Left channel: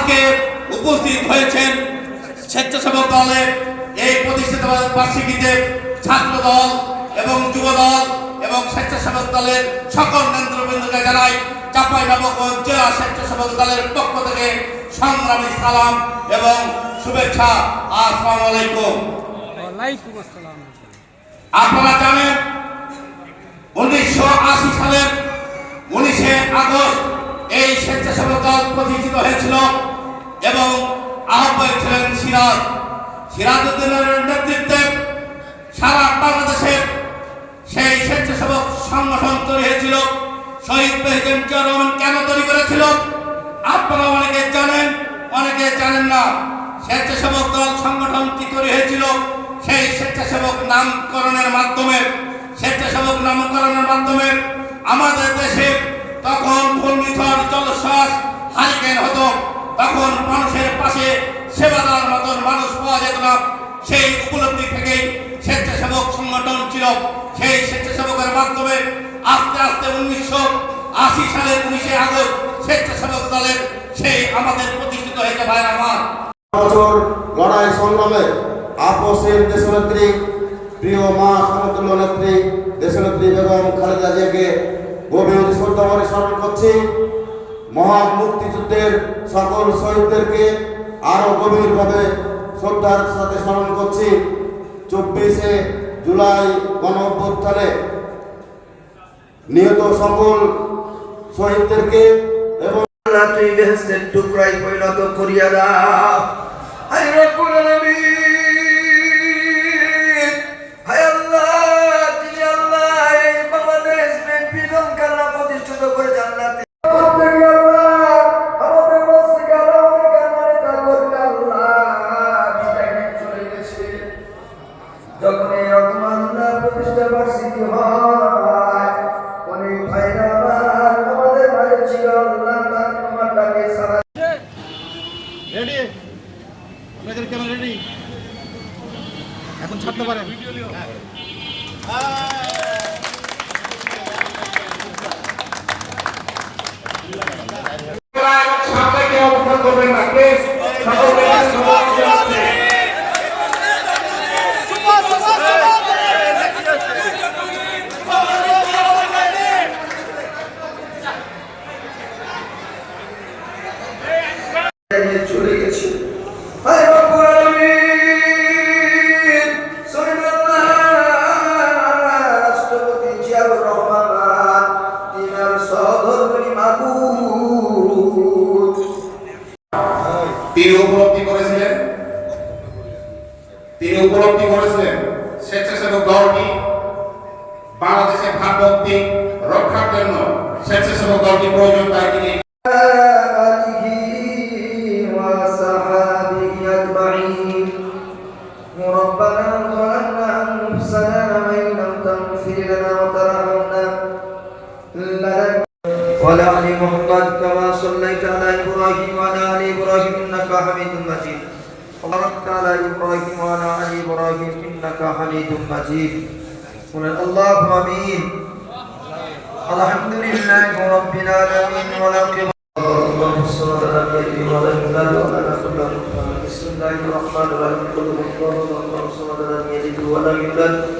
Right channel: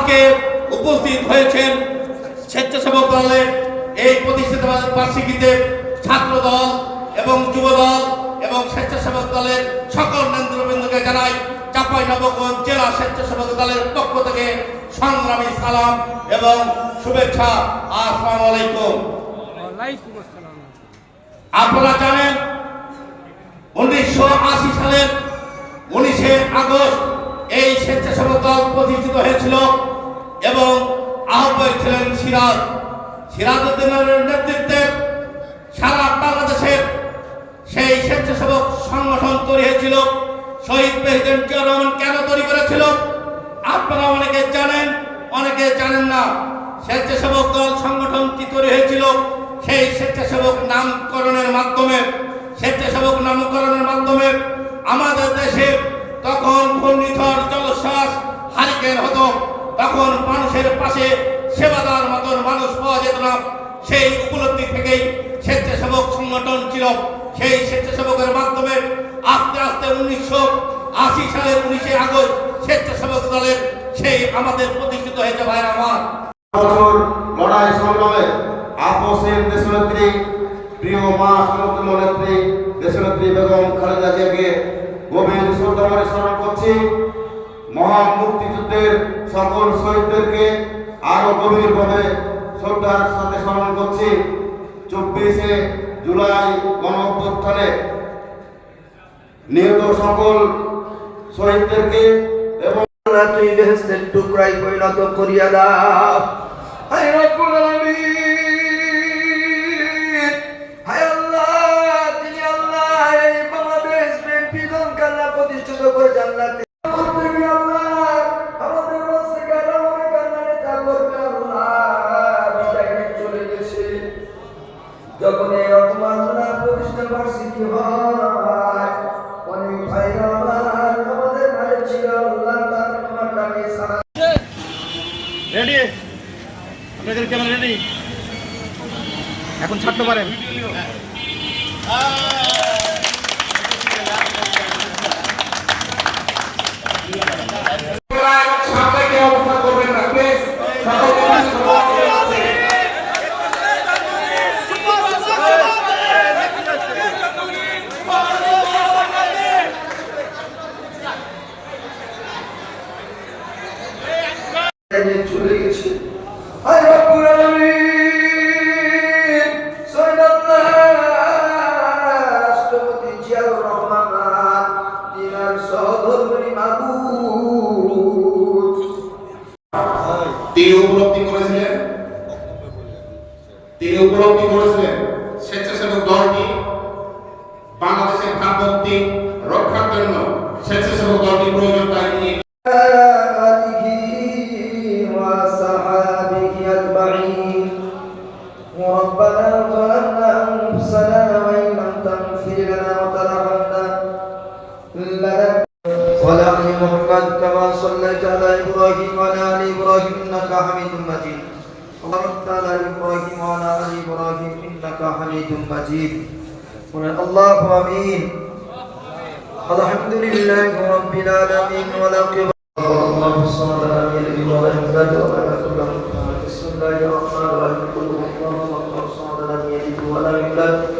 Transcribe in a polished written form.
আজকে উপস্থিত হয়েছেন স্বেচ্ছাসেবক দলের এই প্রতিষ্ঠিত বার্ষিকীতে ছাত্র দল এবং যুব দল এবং স্বেচ্ছাসেবক দলের সকল নেতৃবৃন্দকে জানাই চাঁপাইনবাবগঞ্জ জেলা স্বেচ্ছাসেবক দলের পক্ষ থেকে সংগ্রামী সালাম এবং শুভেচ্ছা। আসসালামু আলাইকুম। আপনারা জানেন 1980 সালের 19শে আগস্ট এই স্বেচ্ছাসেবক দল প্রতিষ্ঠিত হয়েছিল এবং আহ্বায়ক ছিলেন সিরাজউদ্দিনের নেতৃত্বে সারা বাংলাদেশে সেই স্বেচ্ছাসেবক সংগঠন তৈরি হয়েছিল। শহীদ প্রেসিডেন্ট জিয়া রহমান কেন তৈরি করেছিল আপনারা অনেকে জানেন, অনেকে জানেন না। স্বেচ্ছাসেবক দল সংগঠনটি তৈরি হয়েছিল সেই স্বেচ্ছাসেবক নামকরণের মাধ্যমে আমাদের দেশে তখন ঘূর্ণিঝড় জলোচ্ছ্বাস হারিকেন হতো, তখন মানুষের পাশে সেবা দেওয়ার মতন মানুষ পাওয়া যেত না। সেই উপলব্ধি থেকেই স্বেচ্ছাসেবক সংগঠন ছিল। সেই স্বেচ্ছাসেবকের মাধ্যমে আস্তে আস্তে 1980 সালের 19শে আগস্ট স্বেচ্ছাসেবক দলের সেই আমাদের প্রতিষ্ঠিত হয়েছে। ভাই আমার বছর লড়াই সংগ্রামে আপোষের দেশনেত্রী, প্রিয় মা সমতুল্য নেত্রী দেশনেত্রী বেগম খালেদা জিয়াকে গভীর শ্রদ্ধাভরে স্মরণ করছি। মহান মুক্তিযুদ্ধের সকল শহীদদেরকে আরো গভীরভাবে শ্রদ্ধার সাথে স্মরণ করছি। 24শে জুলাই গণঅভ্যুত্থানে নিহত সকল শহীদদেরকে এবং তুই বেহেশতের টুকরায় পরিণত করিয়া দাও। হায় রব্বুল আলামিন, হায় আল্লাহ, যিনি আল্লাহ এই বাংলাদেশ বিএনপি দলকে আল্লাহ প্রতিষ্ঠিত করে জান্নাতে যখন এই রকম আল্লাহ প্রতিষ্ঠা বার্ষিকী হয়, অনেক ভাইরা আমাদের মাঝে ছিল আল্লাহ তার তোমাকে সারা রেডি, আপনাদের ক্যামেরা রেডি, এখন ছাড়তে পারেন। সামনে অবস্থা করবেন না প্লিজ। চলে গেছে। হায় রব্বুল আলামিন, রাষ্ট্রপতি জিয়াউর রহমান তিনার সহধর্মিণী মাহবুব তিনি উপলব্ধি করেছিলেন স্বেচ্ছাসেবক দলটি বাংলাদেশের ভাবমূর্তি রক্ষার জন্য স্বেচ্ছাসেবক দলটি প্রয়োজন। তাই তিনি ربنا ظلمنا أنفسنا وإن لم تغفر لنا وترحمنا وعلى آل محمد كما صليت على إبراهيم وعلى آل إبراهيم إنك حميد مجيد وبارك على إبراهيم وعلى آل إبراهيم إنك حميد مجيد اللهم آمين. الحمد لله رب العالمين والعاقبة اللهم صل على سيدنا محمد. بسم الله الرحمن الرحيم. قل هو الله احد الله الصمد لم يلد ولم يولد